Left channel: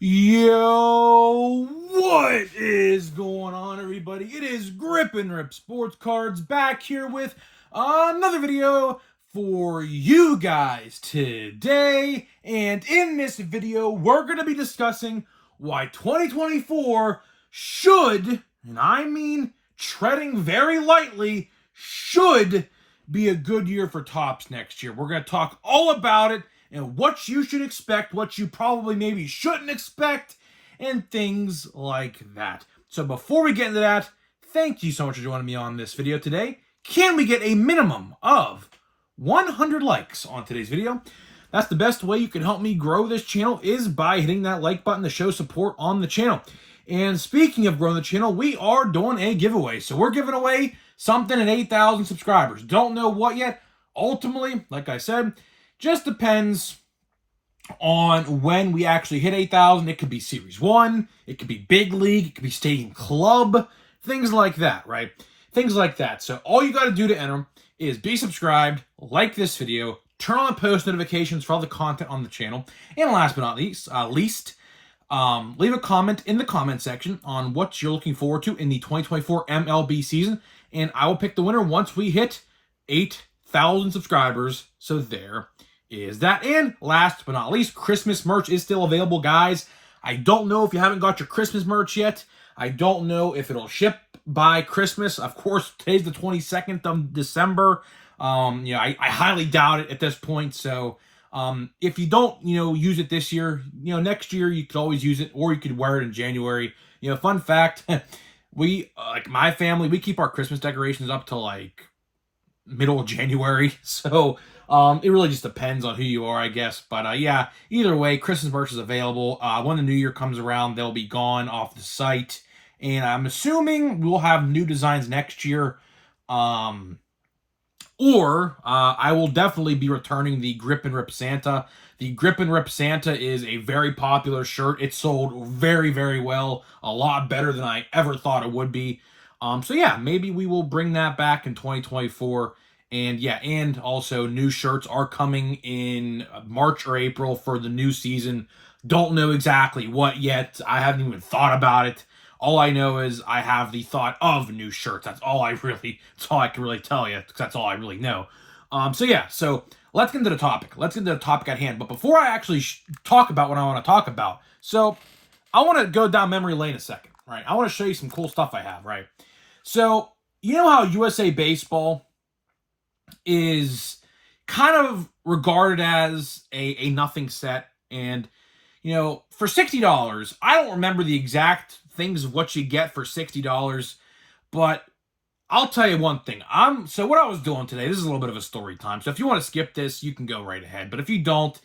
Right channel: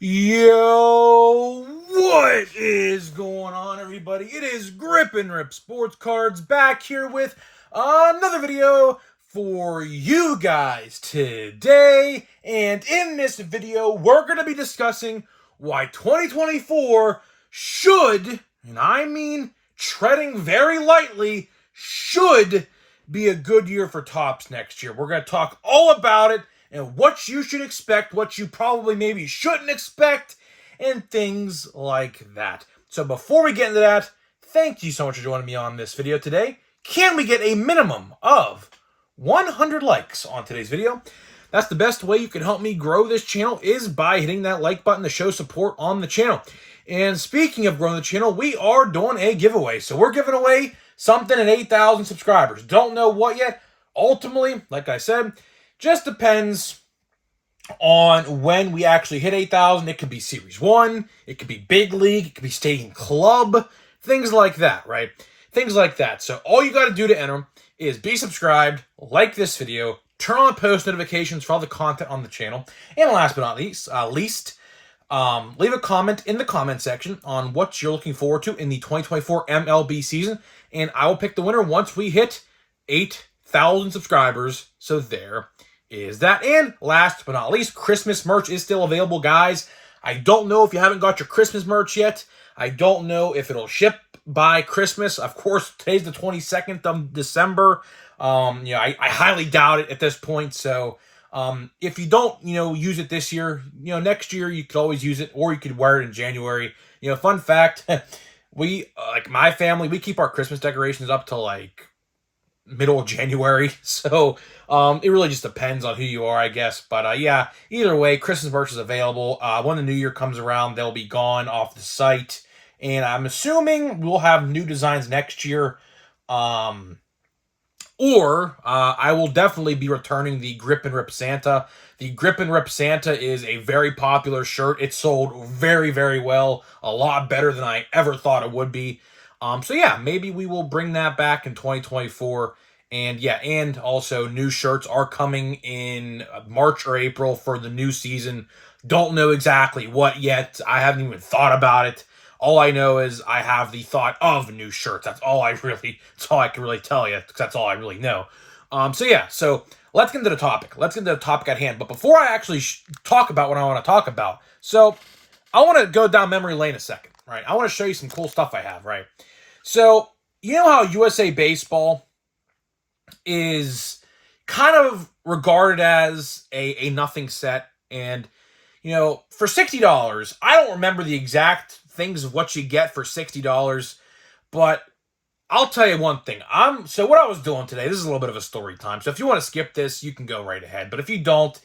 Yo, what is going on, everybody? It is Grip and Rip Sports Cards back here with another video for you guys today. And in this video, we're going to be discussing why 2024 should, and I mean treading very lightly, should be a good year for Topps next year. We're going to talk all about it and what you should expect, what you probably maybe shouldn't expect, and things like that. So before we get into that, thank you so much for joining me on this video today. Can we get a minimum of 100 likes on today's video? That's the best way you can help me grow this channel, is by hitting that like button to show support on the channel. And speaking of growing the channel, we are doing a giveaway. So we're giving away something at 8,000 subscribers. Don't know what yet. Ultimately, like I said, just depends on when we actually hit 8,000. It could be Series 1, it could be Big League, it could be Stadium Club, things like that, right? Things like that. So all you got to do to enter is be subscribed, like this video, turn on post notifications for all the content on the channel, and last but not least, leave a comment in the comment section on what you're looking forward to in the 2024 MLB season, and I will pick the winner once we hit 8,000 subscribers. So there is that. And last but not least, Christmas merch is still available, guys. I don't know if you haven't got your Christmas merch yet. I don't know if it'll ship by Christmas. Of course, today's the 22nd of December. I highly doubt it at this point. So if you don't, use it this year, next year you could always use it, or you could wear it in January. Fun fact, we, like my family, we keep our Christmas decorations up till like middle of January. So it really just depends on who you are, I guess. But yeah, either way, Christmas merch is available. When the new year comes around, they'll be gone off the site. And I'm assuming we'll have new designs next year. I will definitely be returning the Grip and Rip Santa. The Grip and Rip Santa is a very popular shirt. It sold very, very well. A lot better than I ever thought it would be. So yeah, maybe we will bring that back in 2024. And yeah, and also new shirts are coming in March or April for the new season. Don't know exactly what yet. I haven't even thought about it. All I know is I have the thought of new shirts. That's all I can really tell you, because that's all I really know. So yeah, so let's get into the topic. Let's get into the topic at hand. But before I actually talk about what I want to talk about, so I want to go down memory lane a second, right? I want to show you some cool stuff I have, right? So, you know how USA Baseball is kind of regarded as a nothing set, and, for $60, I don't remember the exact things of what you get for $60, but I'll tell you one thing. So what I was doing today, this is a little bit of a story time, so if you want to skip this, you can go right ahead, but if you don't,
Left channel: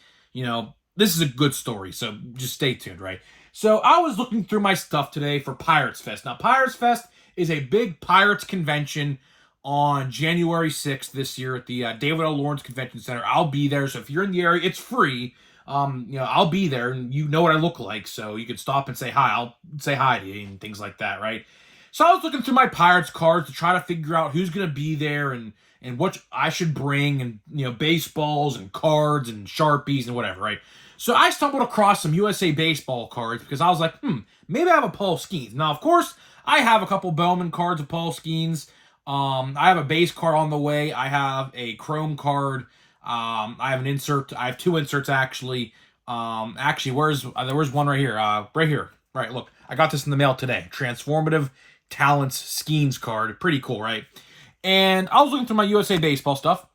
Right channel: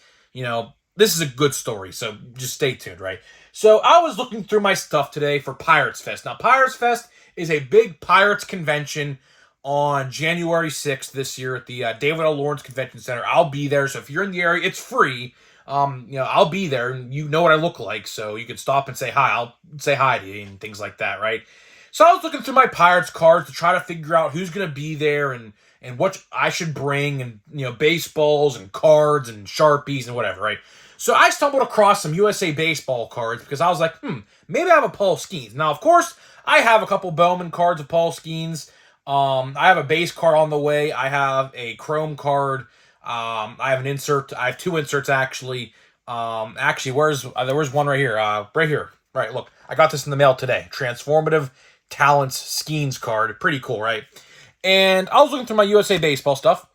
this is a good story, so just stay tuned, right? So I was looking through my stuff today for Pirates Fest. Now, Pirates Fest is a big Pirates convention on January 6th this year at the David L. Lawrence Convention Center. I'll be there, so if you're in the area, it's free. I'll be there, and you know what I look like, so you can stop and say hi. I'll say hi to you and things like that, right? So I was looking through my Pirates cards to try to figure out who's going to be there and what I should bring, and, baseballs and cards and Sharpies and whatever, right? So I stumbled across some USA Baseball cards because I was like, maybe I have a Paul Skeens. Now, of course, I have a couple Bowman cards of Paul Skeens. I have a base card on the way. I have a Chrome card. I have an insert. I have two inserts, actually. Where's one right here? Right here. Right, look. I got this in the mail today. Transformative Talents Skeens card. Pretty cool, right? And I was looking through my USA Baseball stuff.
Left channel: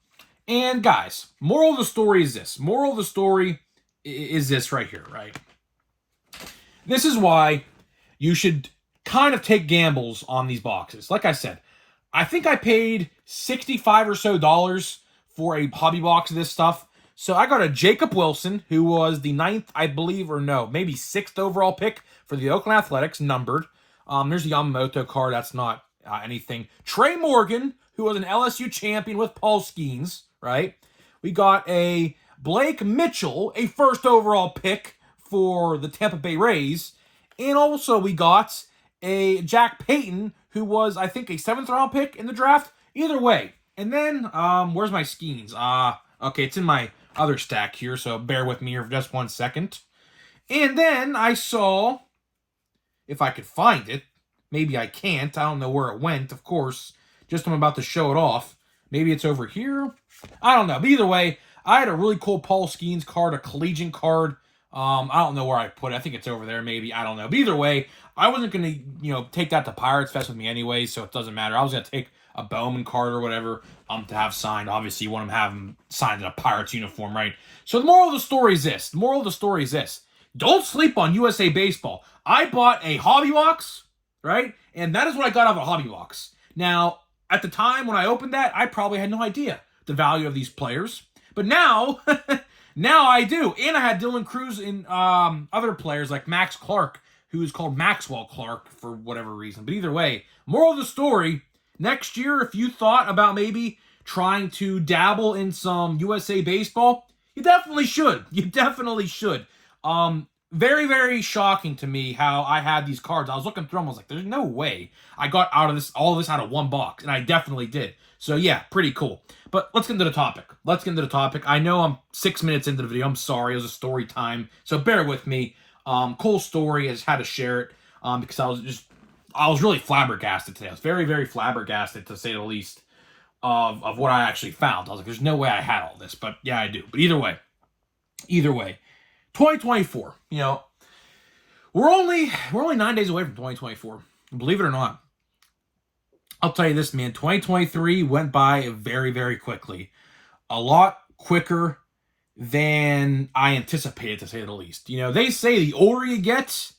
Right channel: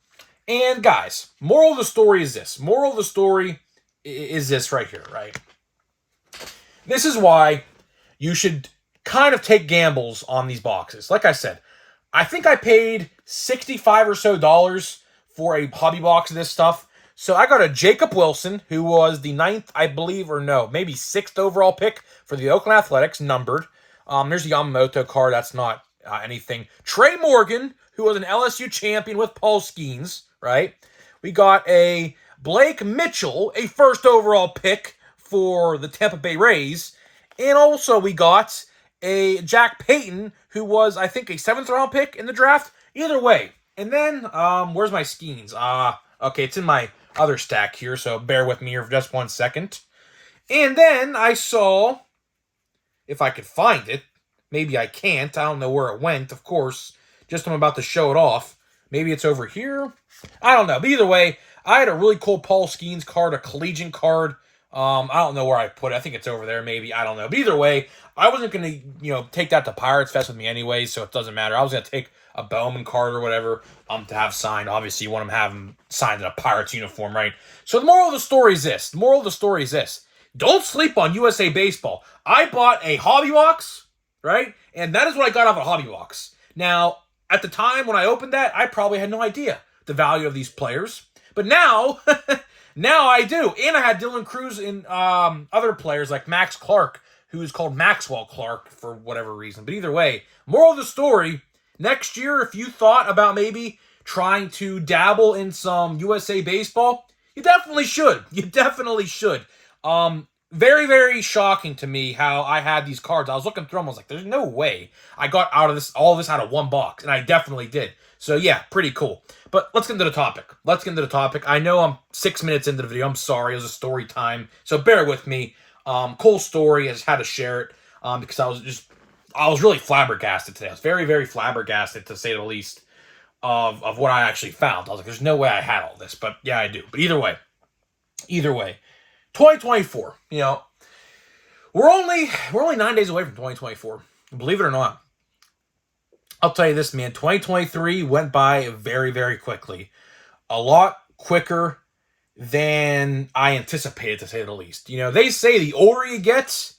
And guys, moral of the story is this. Moral of the story is this right here, right? This is why you should kind of take gambles on these boxes. Like I said, I think I paid $65 or so for a hobby box of this stuff. So I got a Jacob Wilson, who was the 9th, I believe, or no, maybe 6th overall pick for the Oakland Athletics, numbered. There's a Yamamoto card. That's not anything. Trey Morgan, who was an LSU champion with Paul Skeens, right? We got a Blake Mitchell, a 1st overall pick for the Tampa Bay Rays. And also we got a Jack Payton, who was, I think, a 7th round pick in the draft. Either way. And then, where's my Skeens? Okay, it's in my other stack here, so bear with me here for just one second. And then I saw, if I could find it, maybe I can't. I don't know where it went, of course. Just when I'm about to show it off. Maybe it's over here. I don't know. But either way, I had a really cool Paul Skeens card, a collegiate card. I don't know where I put it. I think it's over there, maybe. I don't know. But either way, I wasn't going to, take that to Pirates Fest with me anyway, so it doesn't matter. I was going to take a Bowman card or whatever to have signed. Obviously, you want to have him signed in a Pirates uniform, right? So the moral of the story is this. Don't sleep on USA Baseball. I bought a hobby box, right? And that is what I got off a hobby box. Now, at the time when I opened that, I probably had no idea the value of these players. But now, now I do. And I had Dylan Cruz and other players like Max Clark, who's called Maxwell Clark for whatever reason. But either way, moral of the story, next year, if you thought about maybe trying to dabble in some USA Baseball, you definitely should. You definitely should. Very, very shocking to me how I had these cards. I was looking through them. I was like, there's no way I got all of this out of one box. And I definitely did. So yeah, pretty cool. But let's get into the topic. I know I'm 6 minutes into the video. I'm sorry. It was a story time. So bear with me. Cool story. I just had to share it because I was really flabbergasted today. I was very, very flabbergasted, to say the least, of what I actually found. I was like, there's no way I had all this. But yeah, I do. But either way. 2024, we're only 9 days away from 2024. Believe it or not. I'll tell you this, man. 2023 went by very, very quickly. A lot quicker than I anticipated, to say the least. They say the older you get,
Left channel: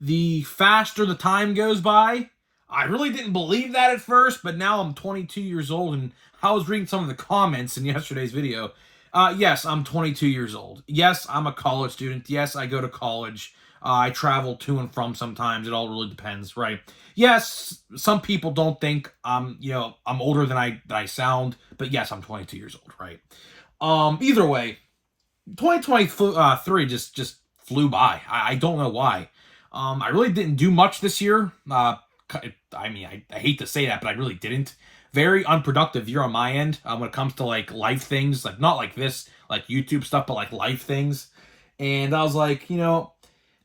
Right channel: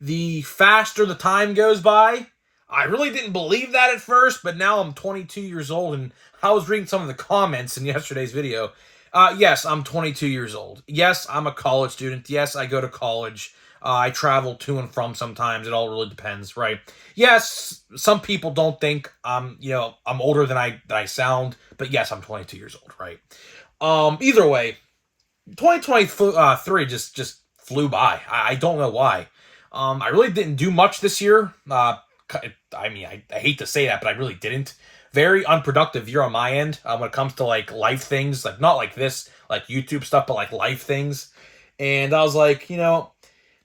the faster the time goes by. I really didn't believe that at first, but now I'm 22 years old, and I was reading some of the comments in yesterday's video. Yes, I'm 22 years old. Yes, I'm a college student. Yes, I go to college. I travel to and from sometimes. It all really depends, right? Yes, some people don't think I'm older than I sound, but yes, I'm 22 years old, right? Either way, 2023 just flew by. I don't know why. I really didn't do much this year. I hate to say that, but I really didn't. Very unproductive year on my end when it comes to like life things, like not like this, like YouTube stuff, but like life things. And I was like,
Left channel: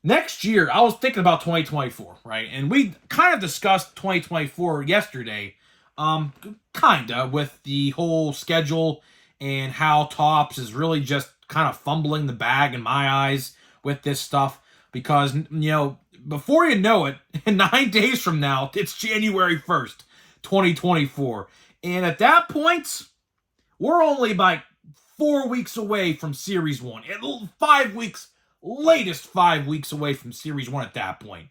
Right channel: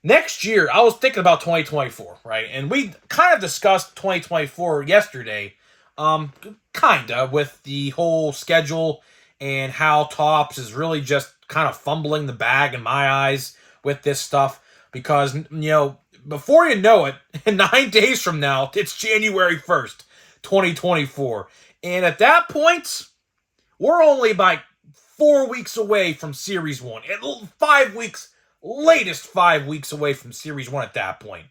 next year, I was thinking about 2024, right? And we kind of discussed 2024 yesterday, kind of with the whole schedule and how Topps is really just kind of fumbling the bag in my eyes with this stuff because, before you know it, 9 days from now, it's January 1st. 2024. And at that point, we're only about 4 weeks away from Series 1. And 5 weeks, latest 5 weeks away from Series 1 at that point.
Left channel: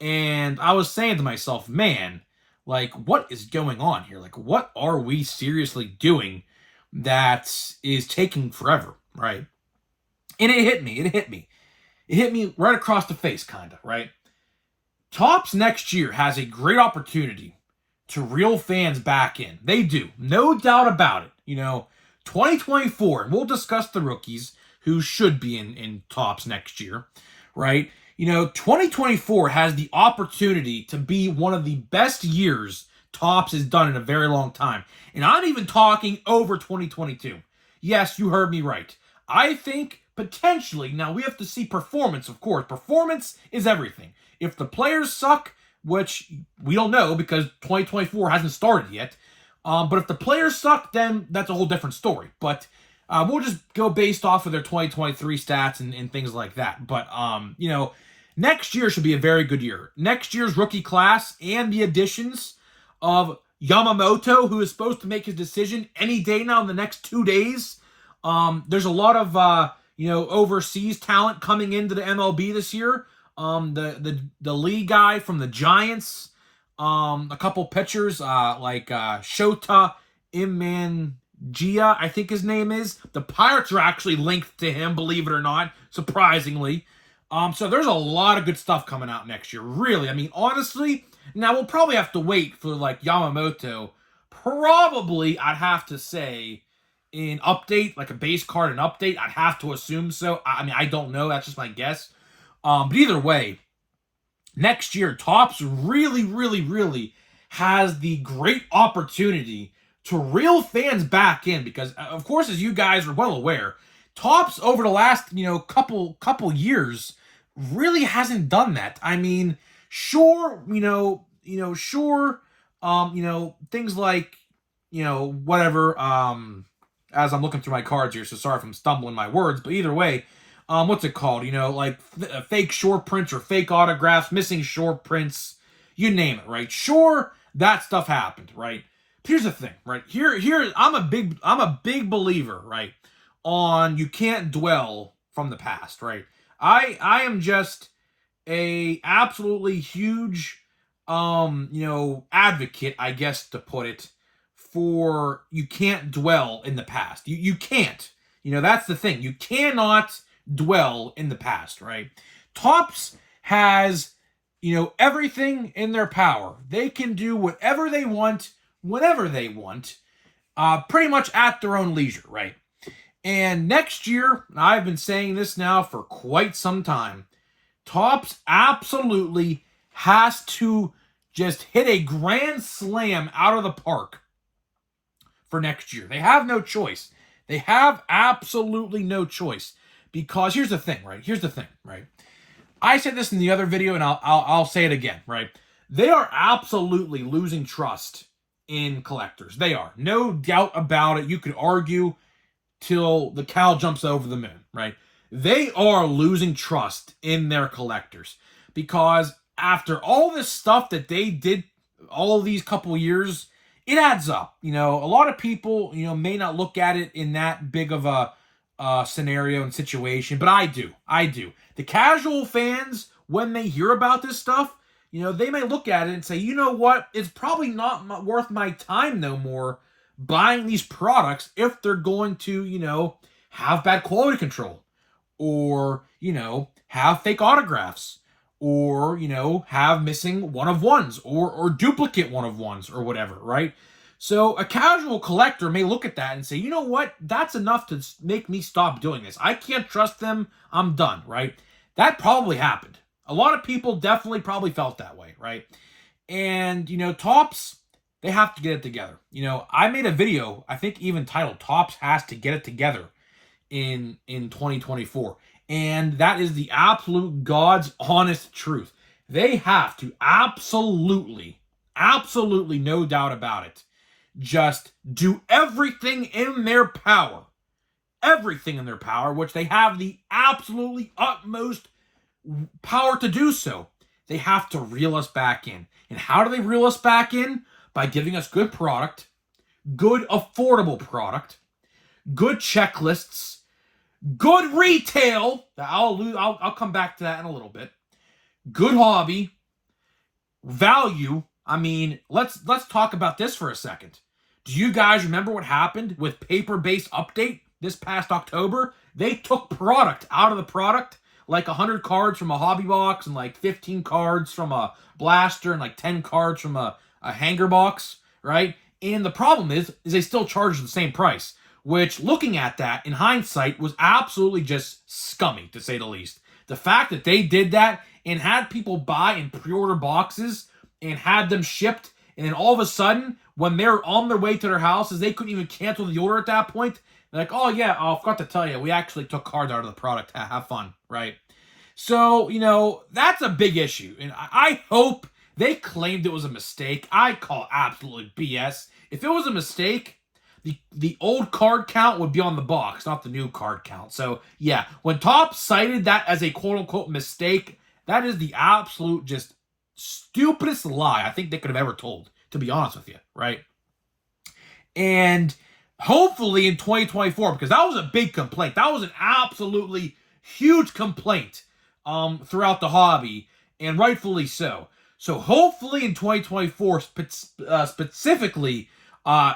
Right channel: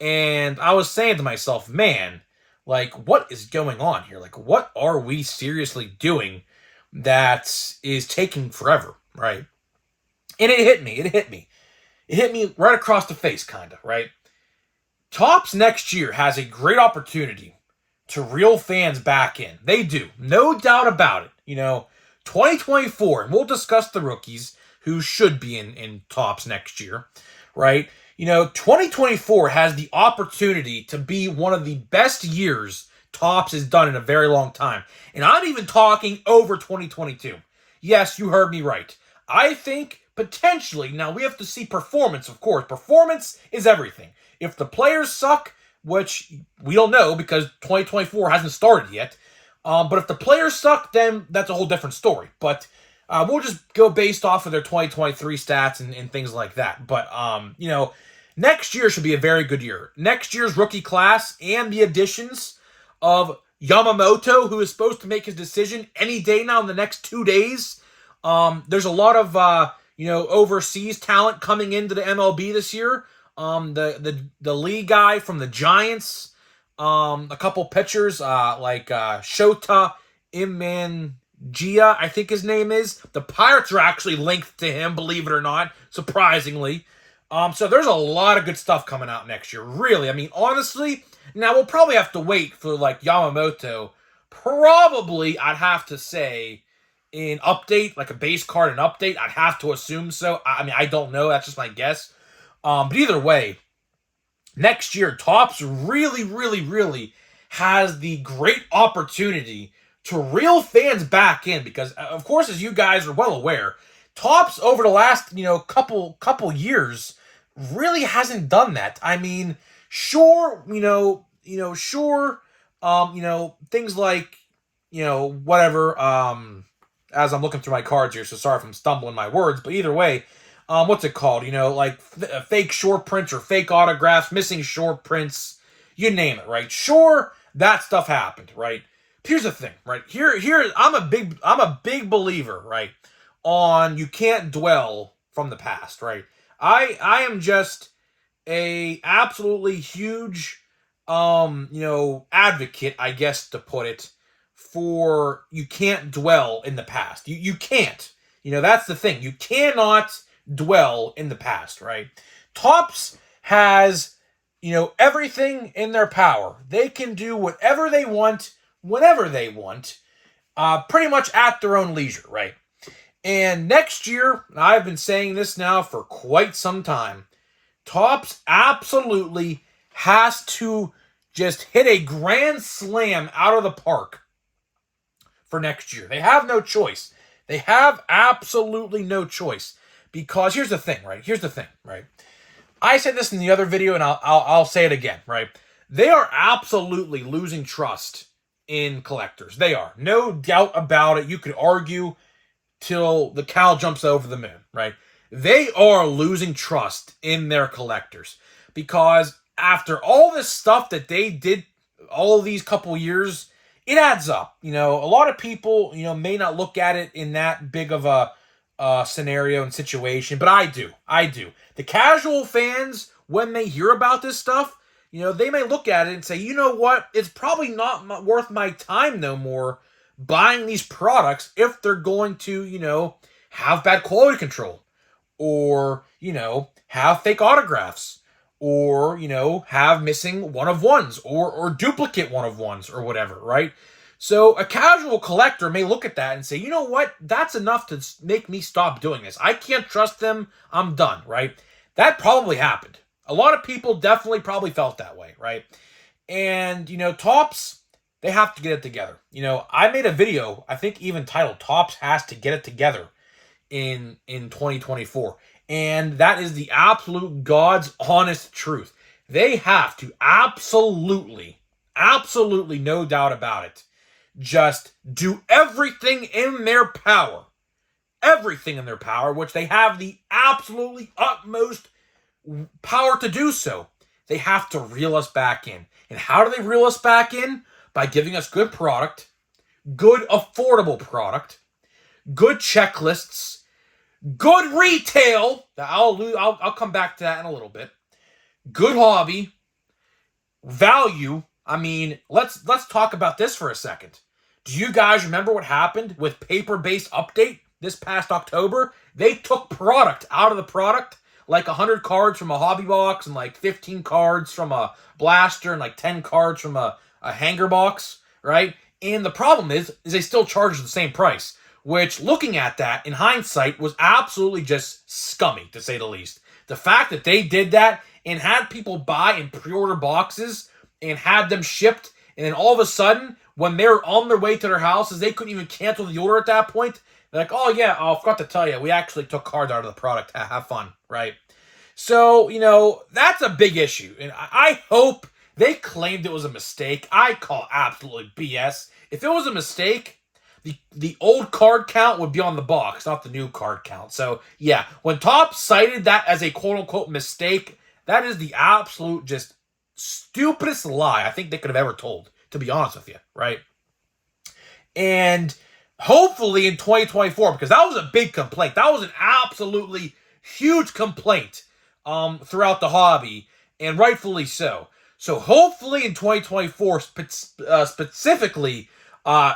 And I was saying to myself, man, like, what is going on here? Like, what are we seriously doing that is taking forever, right? And it hit me. It hit me right across the face, kind of, right? Topps next year has a great opportunity to reel fans back in. They do. No doubt about it. 2024, and we'll discuss the rookies who should be in Topps next year, right? 2024 has the opportunity to be one of the best years Topps has done in a very long time. And I'm even talking over 2022. Yes, you heard me right. I think potentially, now we have to see performance, of course. Performance is everything. If the players suck, which we don't know because 2024 hasn't started yet. But if the players suck, then that's a whole different story. But we'll just go based off of their 2023 stats and things like that. But, next year should be a very good year. Next year's rookie class and the additions of Yamamoto, who is supposed to make his decision any day now in the next 2 days. There's a lot of, overseas talent coming into the MLB this year. The lead guy from the Giants, a couple pitchers, like Shota Imangia, I think his name is. The Pirates are actually linked to him, believe it or not, surprisingly. So there's a lot of good stuff coming out next year, really. I mean, honestly, now we'll probably have to wait for like Yamamoto. Probably, I'd have to say, an update, like a base card, an update. I'd have to assume so. I mean, I don't know. That's just my guess. But either way, next year, Topps really, really, really has the great opportunity to reel fans back in because, of course, as you guys are well aware, Topps over the last, couple years really hasn't done that. I mean, sure, sure, things like, whatever, as I'm looking through my cards here, so sorry if I'm stumbling my words, but either way, what's it called? Like fake short prints or fake autographs, missing short prints, you name it, right? Sure, that stuff happened, right? Here's the thing, right? Here, I'm a big believer, right? On you can't dwell from the past, right? I am just a absolutely huge advocate, I guess to put it, for you can't dwell in the past. You can't. That's the thing. You cannot dwell in the past, right? Topps has, everything in their power. They can do whatever they want, whenever they want, pretty much at their own leisure, right? And next year, I've been saying this now for quite some time, Topps absolutely has to just hit a grand slam out of the park for next year. They have no choice. They have absolutely no choice. Because here's the thing, right? I said this in the other video, and I'll say it again, right? They are absolutely losing trust in collectors. They are. No doubt about it. You could argue till the cow jumps over the moon, right? They are losing trust in their collectors. Because after all this stuff that they did all these couple years, it adds up. A lot of people, may not look at it in that big of a scenario and situation, but I do. The casual fans, when they hear about this stuff, they may look at it and say, you know what, it's probably not worth my time no more buying these products if they're going to, have bad quality control, or, have fake autographs, or, have missing one-of-ones, or duplicate one-of-ones, or whatever, right? So a casual collector may look at that and say, you know what, that's enough to make me stop doing this. I can't trust them. I'm done, right? That probably happened. A lot of people definitely probably felt that way, right? And, Topps, they have to get it together. I made a video, I think even titled, Topps has to get it together in 2024. And that is the absolute God's honest truth. They have to absolutely, no doubt about it, just do everything in their power, which they have the absolutely utmost power to do so. They have to reel us back in. And how do they reel us back in? By giving us good product, good affordable product, good checklists, good retail. I'll come back to that in a little bit. Good hobby, value. I mean, let's talk about this for a second. Do you guys remember what happened with Paper-Based Update this past October? They took product out of the product, like 100 cards from a hobby box and like 15 cards from a blaster and like 10 cards from a hanger box, right? And the problem is they still charge the same price, which, looking at that in hindsight, was absolutely just scummy, to say the least. The fact that they did that and had people buy and pre-order boxes and had them shipped, and then all of a sudden, when they're on their way to their houses, they couldn't even cancel the order at that point. They're like, oh yeah, I forgot to tell you, we actually took cards out of the product. Have fun, right? So, that's a big issue. And I hope they claimed it was a mistake. I call absolutely BS. If it was a mistake, the old card count would be on the box, not the new card count. So, yeah, when Topps cited that as a quote-unquote mistake, that is the absolute just stupidest lie I think they could have ever told, to be honest with you, right? And hopefully in 2024, because that was a big complaint. That was an absolutely huge complaint throughout the hobby, and rightfully so. So hopefully in 2024, specifically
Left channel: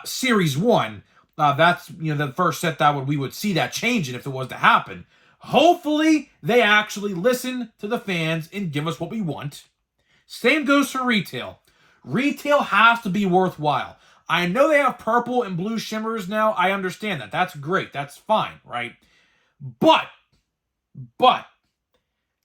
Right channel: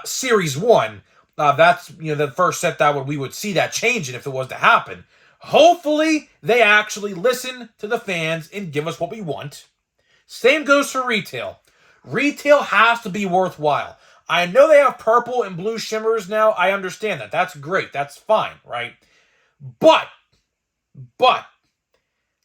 Series 1, that's the first set that we would see that changing if it was to happen. Hopefully they actually listen to the fans and give us what we want. Same goes for retail. Retail has to be worthwhile. I know they have purple and blue shimmers now. I understand that. That's great. That's fine, right? But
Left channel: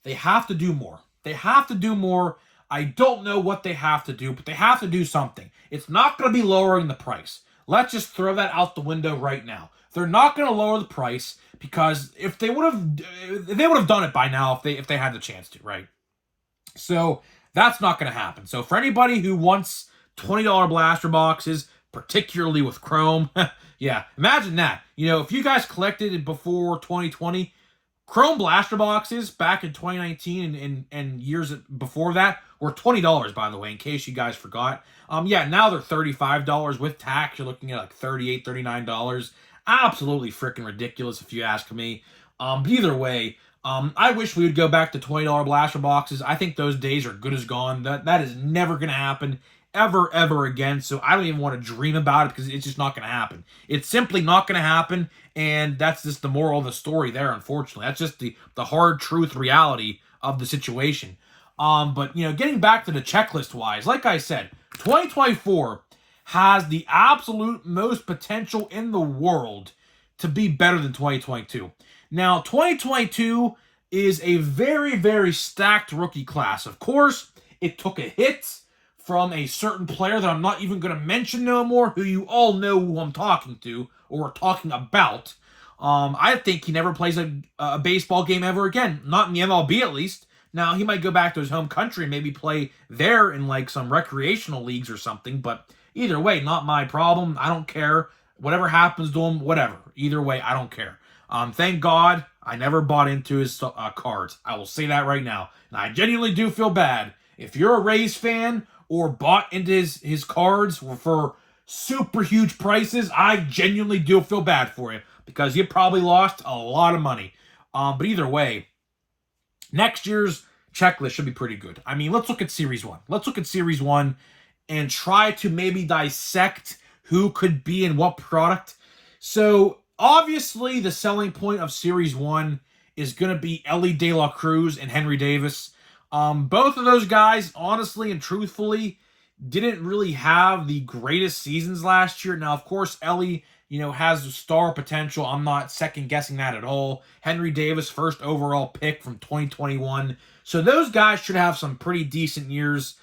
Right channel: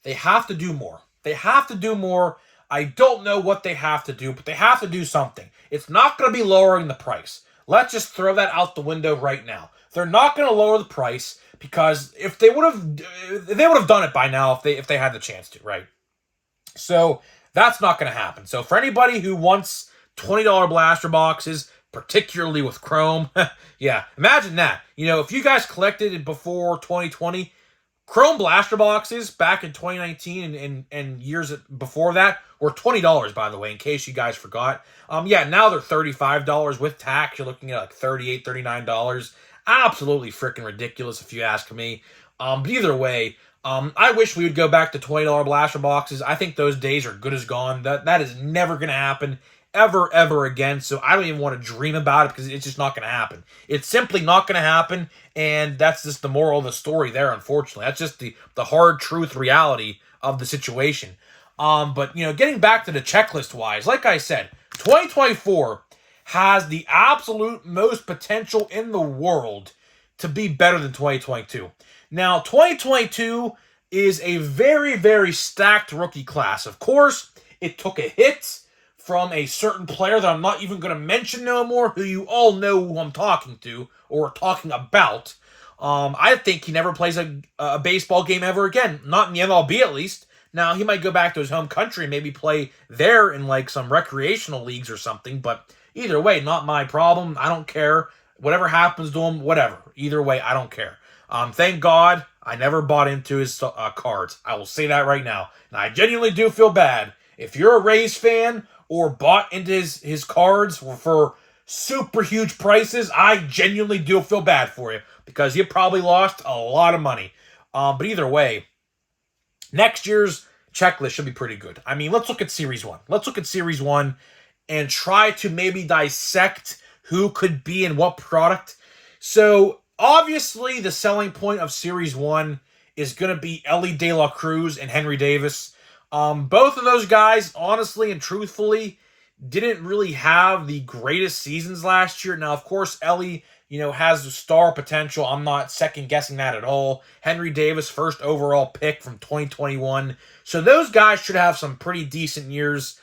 they have to do more. They have to do more. I don't know what they have to do, but they have to do something. It's not going to be lowering the price. Let's just throw that out the window right now. They're not going to lower the price because if they would have done it by now if they had the chance to, right? So that's not going to happen. So for anybody who wants $20 blaster boxes, particularly with Chrome, yeah, imagine that. If you guys collected it before 2020, Chrome blaster boxes back in 2019 and years before that were $20, by the way, in case you guys forgot. Yeah, now they're $35 with tax. You're looking at like $38, $39. Absolutely freaking ridiculous if you ask me. But either way, I wish we would go back to $20 blaster boxes. I think those days are good as gone. That is never going to happen ever again. So I don't even want to dream about it because it's just not going to happen. It's simply not going to happen, and that's just the moral of the story there, unfortunately. That's just the hard truth reality of the situation. But getting back to the checklist wise, like I said, 2024 has the absolute most potential in the world to be better than 2022. Now, 2022 is a very, very stacked rookie class. Of course, it took a hit from a certain player that I'm not even going to mention no more, who you all know who I'm talking to or talking about. I think he never plays a baseball game ever again. Not in the MLB, at least. Now, he might go back to his home country and maybe play there in like some recreational leagues or something, but either way, not my problem. I don't care. Whatever happens to him, whatever. Either way, I don't care. Thank God I never bought into his cards. I will say that right now. And I genuinely do feel bad. If you're a Rays fan or bought into his cards for super huge prices, I genuinely do feel bad for you because you probably lost a lot of money. But either way, next year's checklist should be pretty good. I mean, let's look at Series 1. Let's look at Series 1 and try to maybe dissect who could be in what product. So, obviously, the selling point of Series 1 is going to be Elly De La Cruz and Henry Davis. Both of those guys, honestly and truthfully, didn't really have the greatest seasons last year. Now, of course, Elly, has the star potential. I'm not second-guessing that at all. Henry Davis, first overall pick from 2021. So those guys should have some pretty decent years.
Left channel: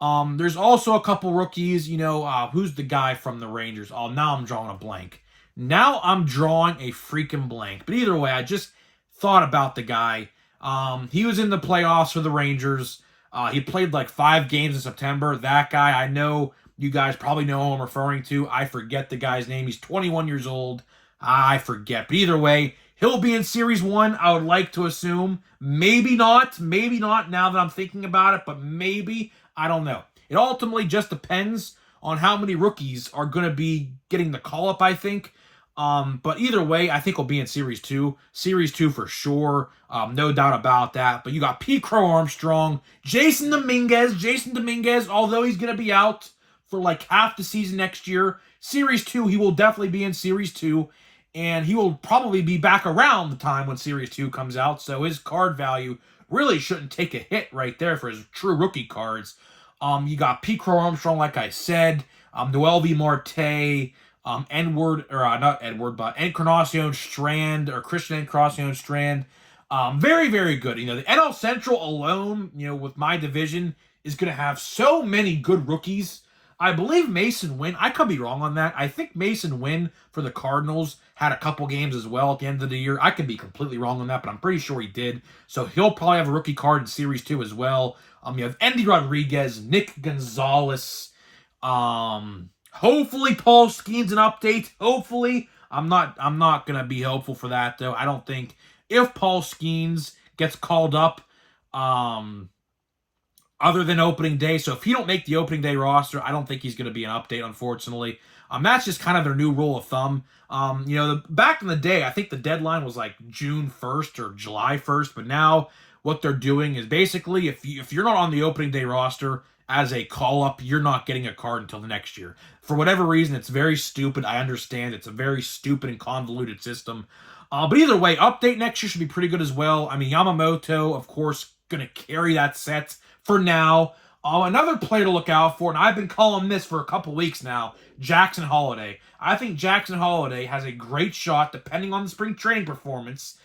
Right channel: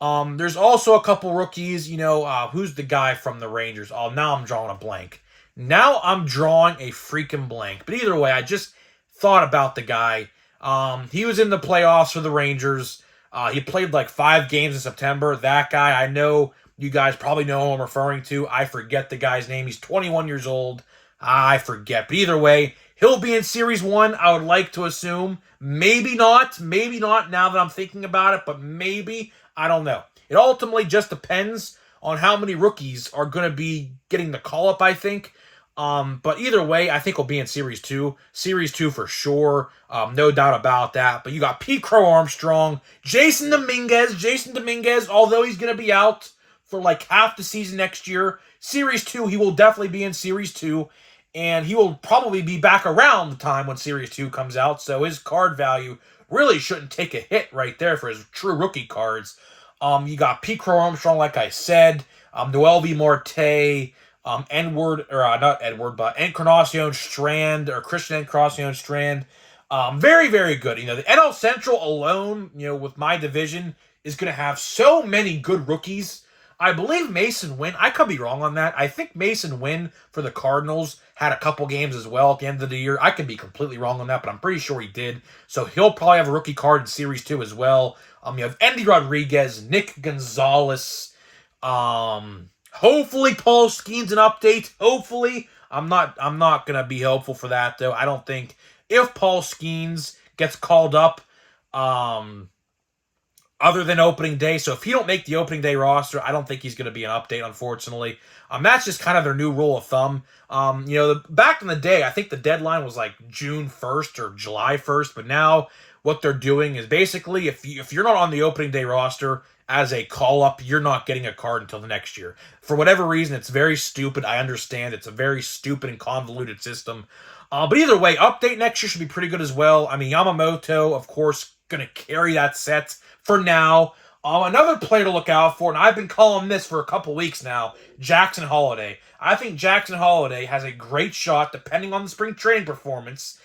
There's also a couple rookies. Who's the guy from the Rangers? Oh, now I'm drawing a blank. Now I'm drawing a freaking blank. But either way, I just thought about the guy. He was in the playoffs for the Rangers. He played like 5 games in September. That guy, I know you guys probably know who I'm referring to. I forget the guy's name. He's 21 years old. I forget. But either way, he'll be in Series 1, I would like to assume. Maybe not. Maybe not now that I'm thinking about it, but maybe. I don't know. It ultimately just depends on how many rookies are going to be getting the call-up, I think. But either way, I think we'll be in Series 2. Series 2 for sure. No doubt about that. But you got Pete Crow Armstrong, Jason Dominguez, although he's going to be out for like half the season next year. Series 2, he will definitely be in Series 2. And he will probably be back around the time when Series 2 comes out. So his card value really shouldn't take a hit right there for his true rookie cards. You got Pete Crow Armstrong, like I said. Noel V. Marte. Encarnacion Strand, or Christian Encarnacion Strand. Very, very good. The NL Central alone, with my division, is going to have so many good rookies. I believe Mason Wynn, I could be wrong on that. I think Mason Wynn for the Cardinals had a couple games as well at the end of the year. I could be completely wrong on that, but I'm pretty sure he did. So he'll probably have a rookie card in Series 2 as well. You have Endy Rodriguez, Nick Gonzalez, hopefully Paul Skeens an update. Hopefully. I'm not gonna be hopeful for that though. I don't think if Paul Skeens gets called up, other than opening day. So if he don't make the opening day roster, I don't think he's gonna be an update, unfortunately. That's just kind of their new rule of thumb. Back in the day, I think the deadline was like June 1st or July 1st, but now what they're doing is basically if you're not on the opening day roster as a call-up, you're not getting a card until the next year. For whatever reason, it's very stupid. I understand it's a very stupid and convoluted system. But either way, update next year should be pretty good as well. Yamamoto, of course, going to carry that set for now. Another player to look out for, and I've been calling this for a couple weeks now, Jackson Holliday. I think Jackson Holliday has a great shot, depending on the spring training performance.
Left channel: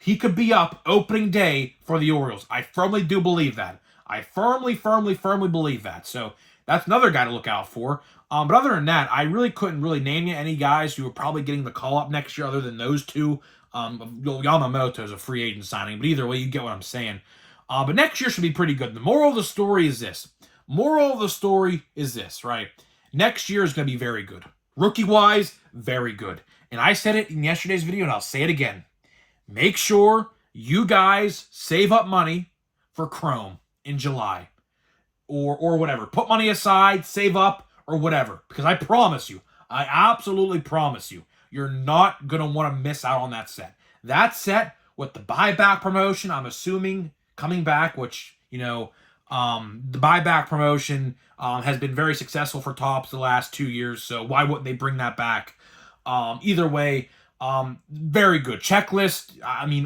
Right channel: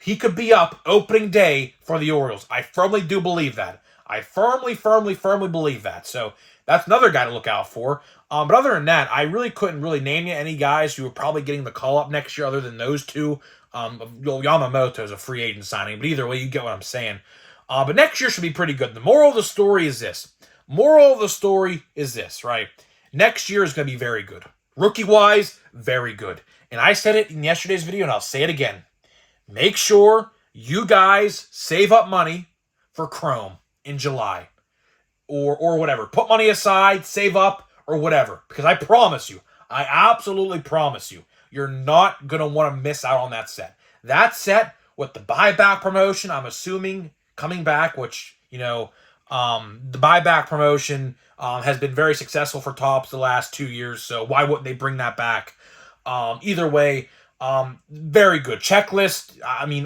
He could be up opening day for the Orioles. I firmly do believe that. I firmly believe that. So that's another guy to look out for. But other than that, I really couldn't name you any guys who are probably getting the call-up next year other than those two. Yamamoto is a free agent signing, but either way, you get what I'm saying. But next year should be pretty good. The moral of the story is this. Moral of the story is this, right? Next year is going to be very good. Rookie-wise, very good. And I said it in yesterday's video, and I'll say it again. Make sure you guys save up money for Chrome in July. Or whatever. Put money aside, save up, or whatever. Because I promise you, I absolutely promise you, you're not going to want to miss out on that set. That set with the buyback promotion, I'm assuming, coming back, which, the buyback promotion has been very successful for Topps the last 2 years, so why wouldn't they bring that back? Either way, very good. Checklist,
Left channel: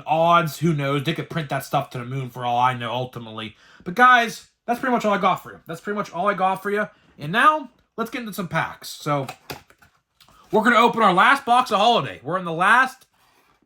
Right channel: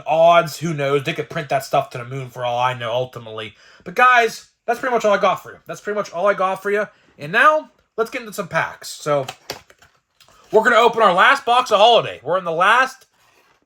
odds, who knows? They could print that stuff to the moon for all I know, ultimately. But guys, that's pretty much all I got for you. And now, let's get into some packs. So, we're going to open our last box of Holiday. We're in the last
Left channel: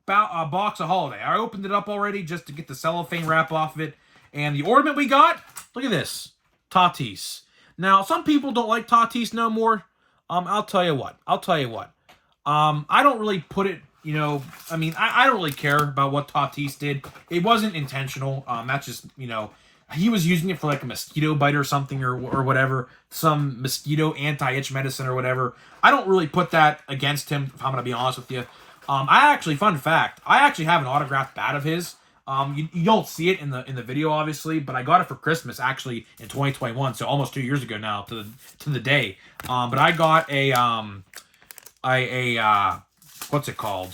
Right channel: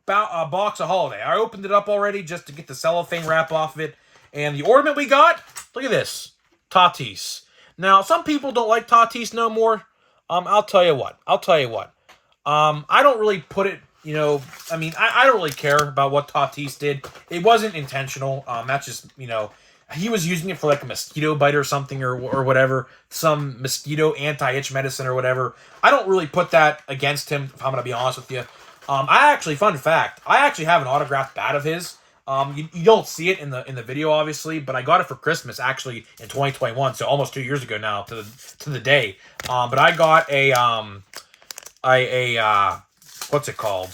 box of Holiday. I opened it up already just to get the cellophane wrap off of it. And the ornament we got, look at this. Tatis. Now, some people don't like Tatis no more. I'll tell you what. I don't really put it, I don't really care about what Tatis did. It wasn't intentional. That's just, he was using it for like a mosquito bite or something or whatever. Some mosquito anti-itch medicine or whatever. I don't really put that against him, if I'm going to be honest with you. Fun fact, I actually have an autographed bat of his. You don't see it in the video, obviously, but I got it for Christmas, actually, in 2021, so almost 2 years ago now, to the day. But I got what's it called?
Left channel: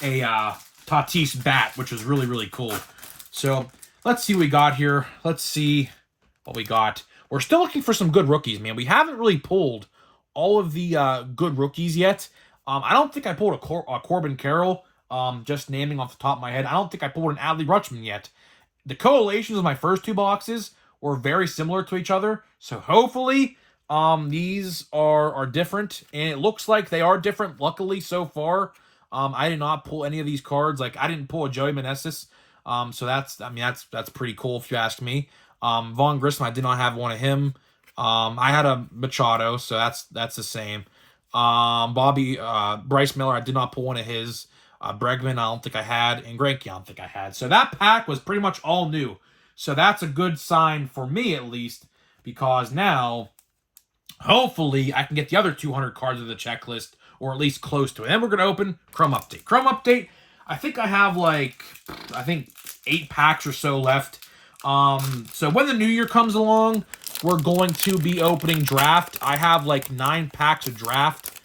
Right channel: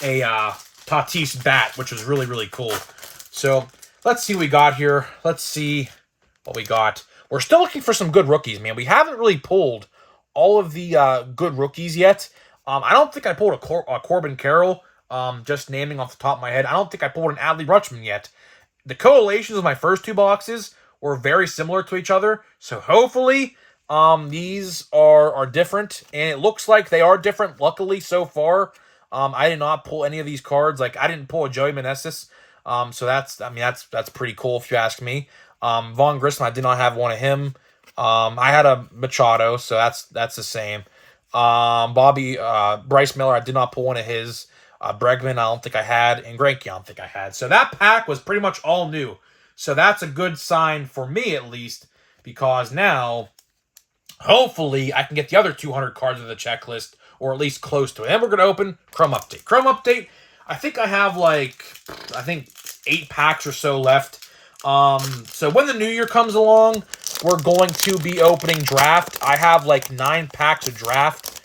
A Tatis bat, which was really, really cool. So, let's see what we got here. Let's see what we got. We're still looking for some good rookies, man. We haven't really pulled all of the good rookies yet. I don't think I pulled a Corbin Carroll, just naming off the top of my head. I don't think I pulled an Adley Rutschman yet. The correlations of my first two boxes were very similar to each other, so hopefully these are different, and it looks like they are different, luckily, so far. I did not pull any of these cards. Like, I didn't pull a Joey Meneses, so that's pretty cool if you ask me. Vaughn Grissom, I did not have one of him. I had a Machado, so that's the same. Bryce Miller, I did not pull one of his. Bregman, I don't think I had, and Greinke, I don't think I had. So that pack was pretty much all new. So that's a good sign for me, at least, because now, hopefully, I can get the other 200 cards of the checklist, or at least close to it. And we're going to open Chrome Update. Chrome Update, I think I have 8 packs or so left. So when the new year comes along, we're going to be opening Draft. I have 9 packs of Draft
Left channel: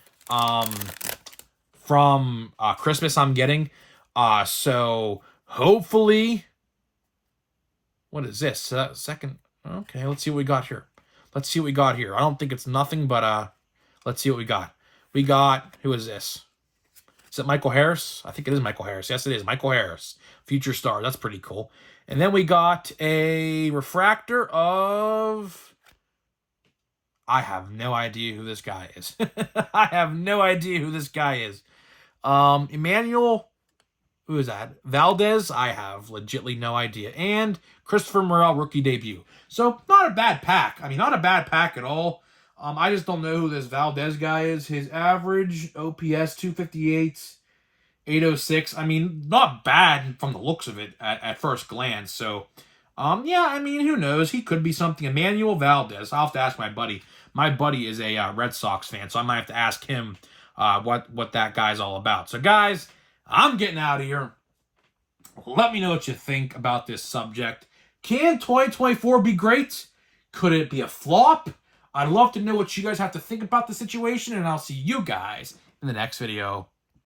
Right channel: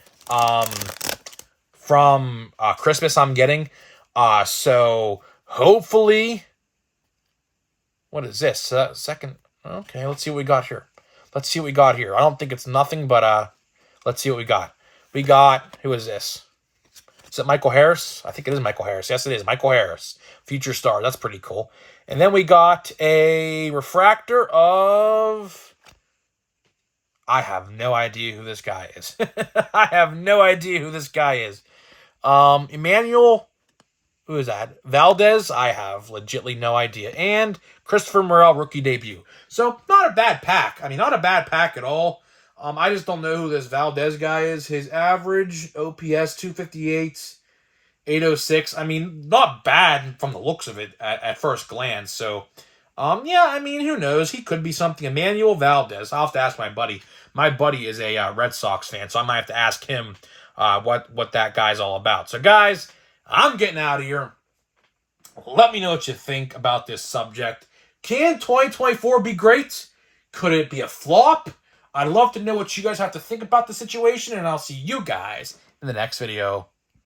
from Christmas I'm getting. So hopefully, what is this? Second. Okay, let's see what we got here. I don't think it's nothing, but let's see what we got. We got, who is this? Is it Michael Harris? I think it is Michael Harris. Yes, it is. Michael Harris. Future star. That's pretty cool. And then we got a refractor of... I have no idea who this guy is. Emmanuel, who is that? Valdez, I have legitly no idea. And Christopher Morel, rookie debut. So, not a bad pack. Not a bad pack at all. I just don't know who this Valdez guy is. His average OPS 258, 806. Not bad from the looks of it at first glance. So, who knows? He could be something. Emmanuel Valdez. I'll have to ask my buddy. My buddy is a Red Sox fan, so I might have to ask him what that guy's all about. So, guys, I'm getting out of here. Let me know what you think about this subject. Can 2024 be great? Could it be a flop? I'd love to know what you guys have to think about the situation, and I'll see you guys in the next video.